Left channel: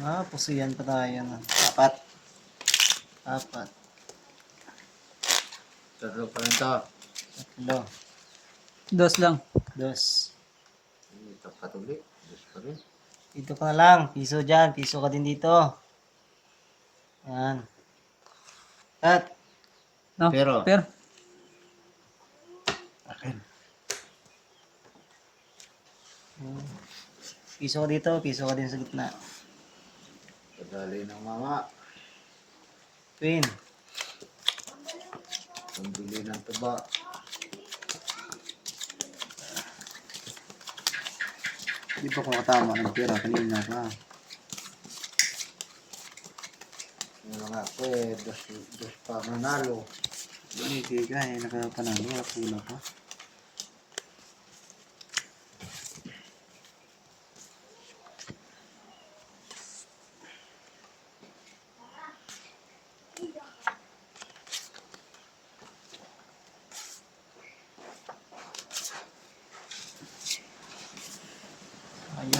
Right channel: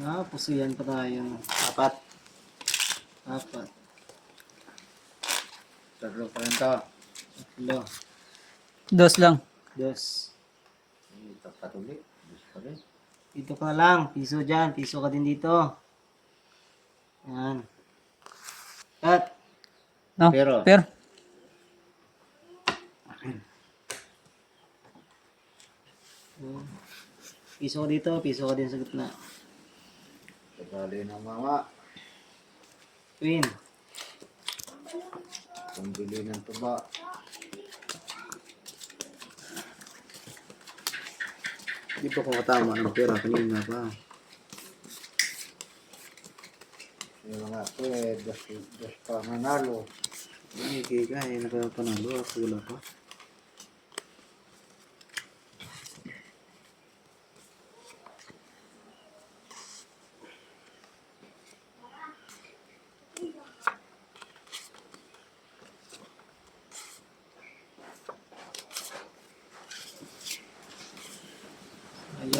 Pusiyan pa tayo. Apat. Apat. Tatlo pa rin to. Tatlo. Dos lang. Dos. Tapat ulit. Dos pa rin. Dito ka lang. Piso dyan. Piso ka din dito. Yan. At. No? Pero. Pero. Akin. Piso ka dito. Piso ka din sa gitna. Kadali ng mama. Twin. Pambili ng tuba. Hindi pa ko katama ng pera kanina pa. Yung mga ako dos pa nanalo. Hindi ka nakapanalo. Wala pa.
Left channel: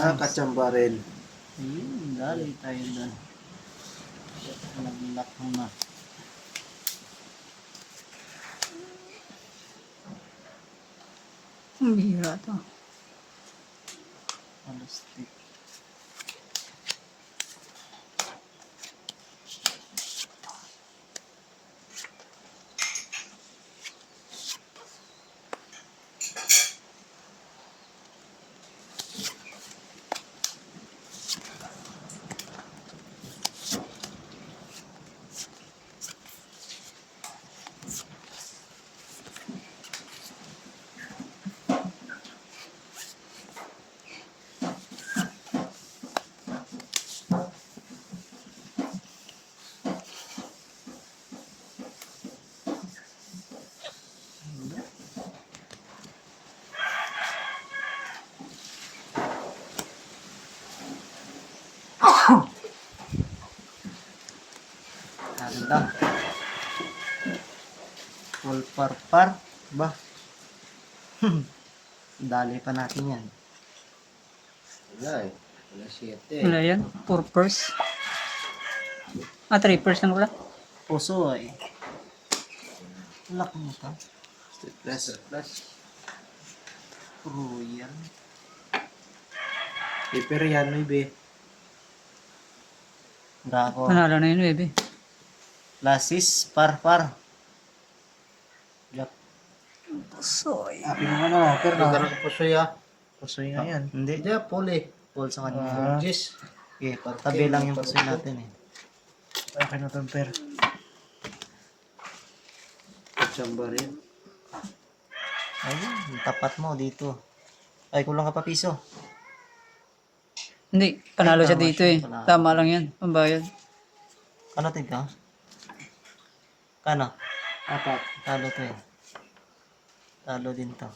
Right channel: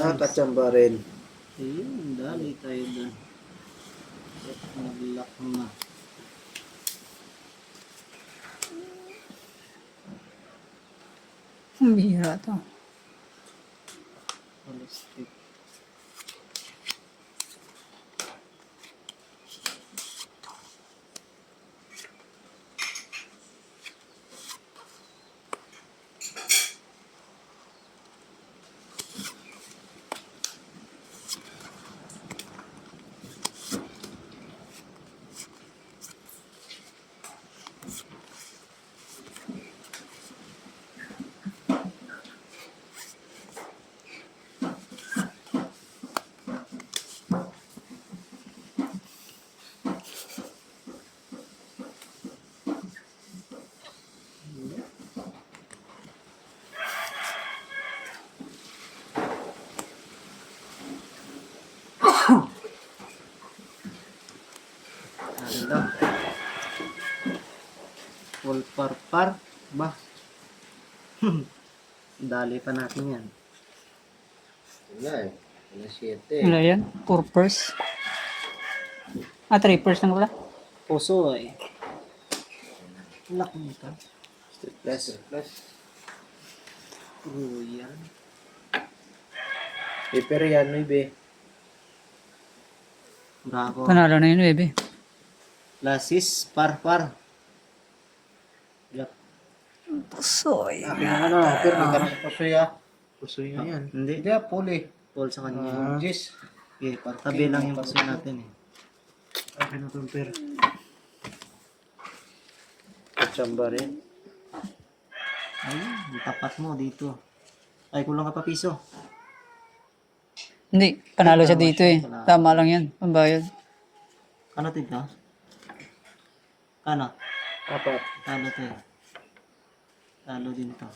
Nakakachamba rin. Ayun. Dali tayo doon. Nag-lock mo na. Ang bihira to. Holistic. Ano lang. Full par. Ba? Dali pa natin yan. Wala eh. Wala 7. Wala yan. 4 purse. 3 purse lang wala. Puso eh. Lock mo ito. Plus. Royal. Pero yan, maybe. Bravo. Panalo na yun, baby. Lasis. Par. Yup. Soy. Akin yung ano, pero nagkaroon sa pusoy ah. Pusoy nga yan. Hindi. Hindi ah, puli. Paul sa kanya. Jis. Okay, tabi lang yung puso natin eh. Akin na itong pero. Kachamba rin. Ayun, yung tapat mo dito. Ay, kulang ka pa piso. Hindi. Panalo siya Tama dito siya, eh. panalo. Tama lang yan. Pambayad. Kano tignan? Kano? Apat. Talo to eh. Talo din to.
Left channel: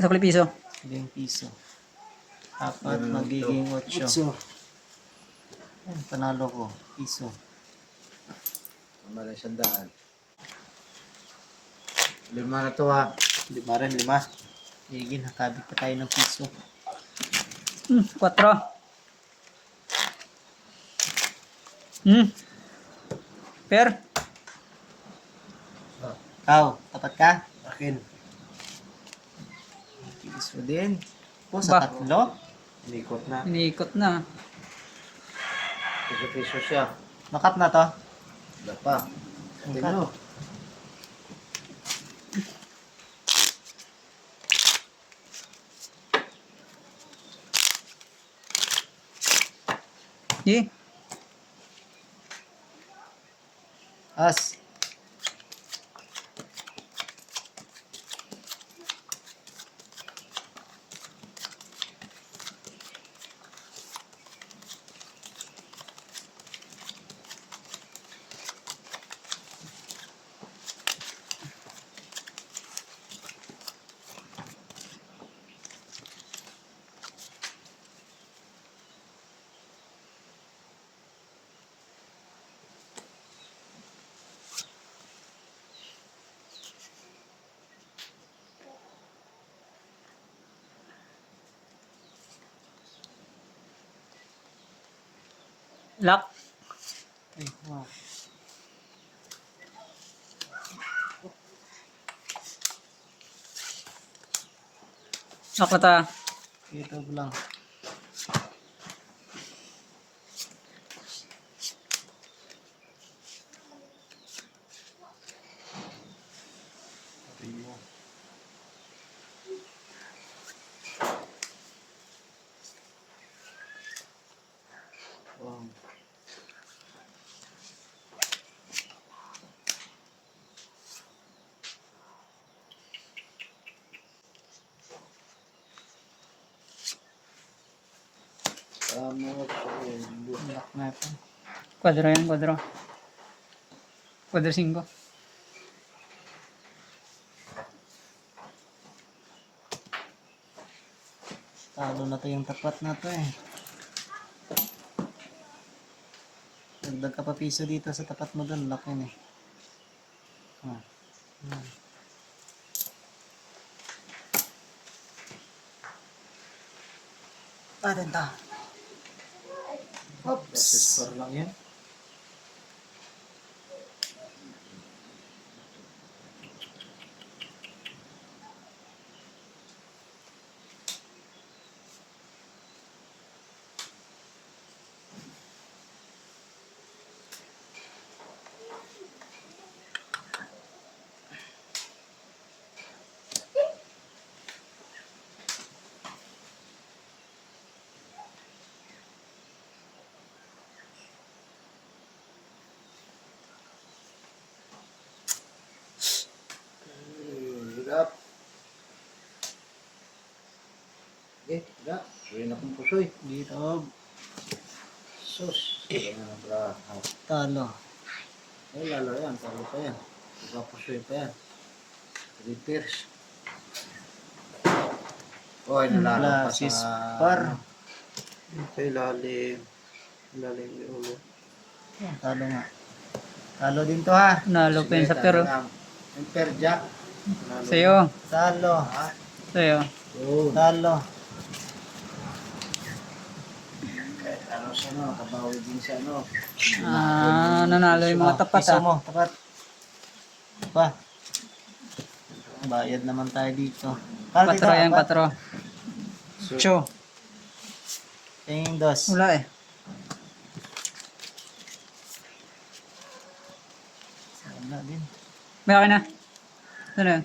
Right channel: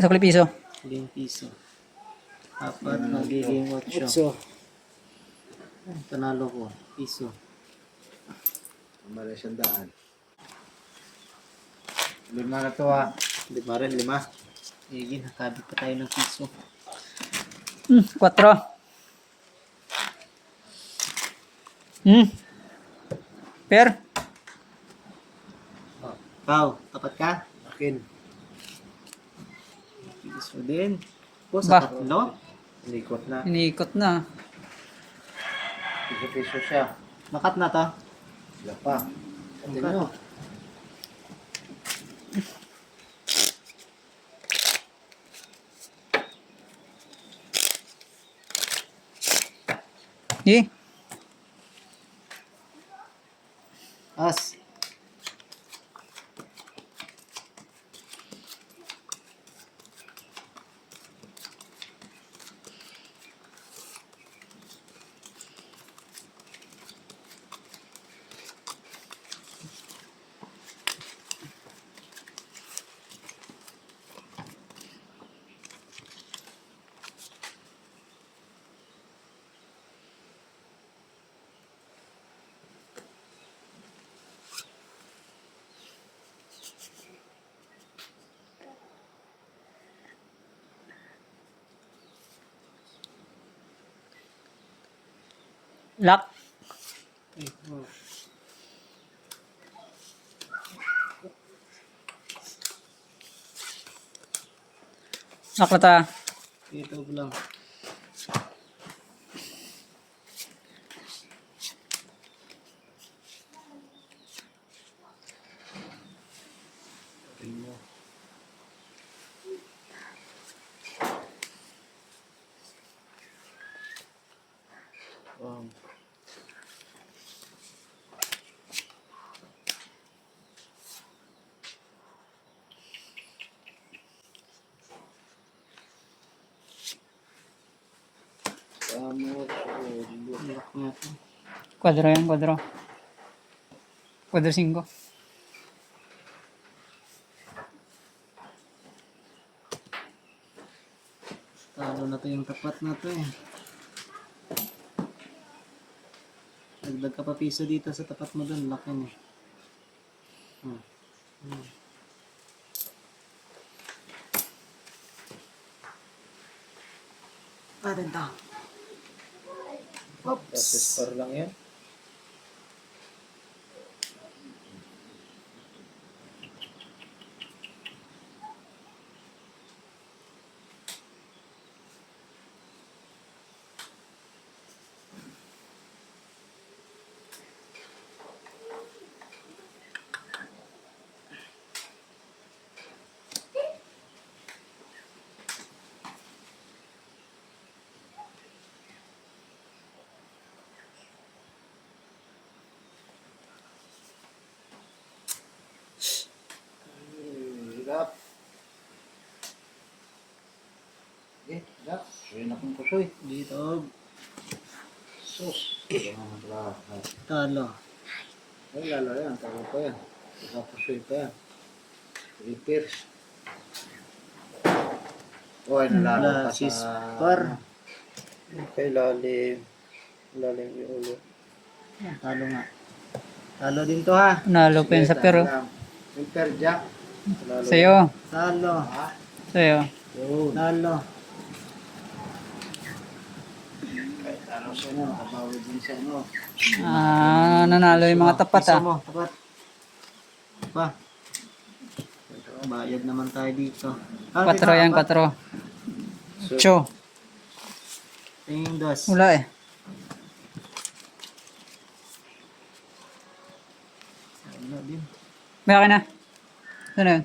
Sukli piso. 5 piso. Apat magiging 8. So, Panalo ko. Piso. mali siyang daan. 5 na to ah. 5 rin, 5. Sige, nakabit pa tayo ng piso. 4. Per. Ikaw, tapat ka? Akin. Piso din. Po, sa Ba? tatlo? Inikot na. Iniikot na. Piso-piso siya. Nakat na to? Wala pa. Tingnan mo. Sige. As. Lock. Ay, wow. Lock na ta. YouTube lang. Primo. Wow. Lock natin. Kwadro yan, kwadro. Kwadro 5. Talo na to yung tapat na to eh. Dagdag ka pa piso dito sa tapat mo doon. Lock yun eh. Ah. Ah. Parin to. Process par lang yan. Hirap. Hirap. Suy na kong pusoy. Dito. Sus. Kaya na pala. Talo. Ay, lalo yan. Talo pa yan. Pusoy pa yan. Repairs. Oy, nalala pa Sis sa... par. Sa ilalim. Ilalim yung ulo. Talo nga. Talo din to ha. Nalo pa yun sa pero. Yung per jack. Sa'yo. Talo. Sa'yo. Oh. Talo. Ano sa ano? Kabawi din sa ano? Ah, nanalo yung mga tapat Piso ah. mo. Tapat. Pa. Bayad naman tayo dito. 4 yan, 4. Cho. Tingin dos. Wala eh. Wala din. May akin na. Ano yun?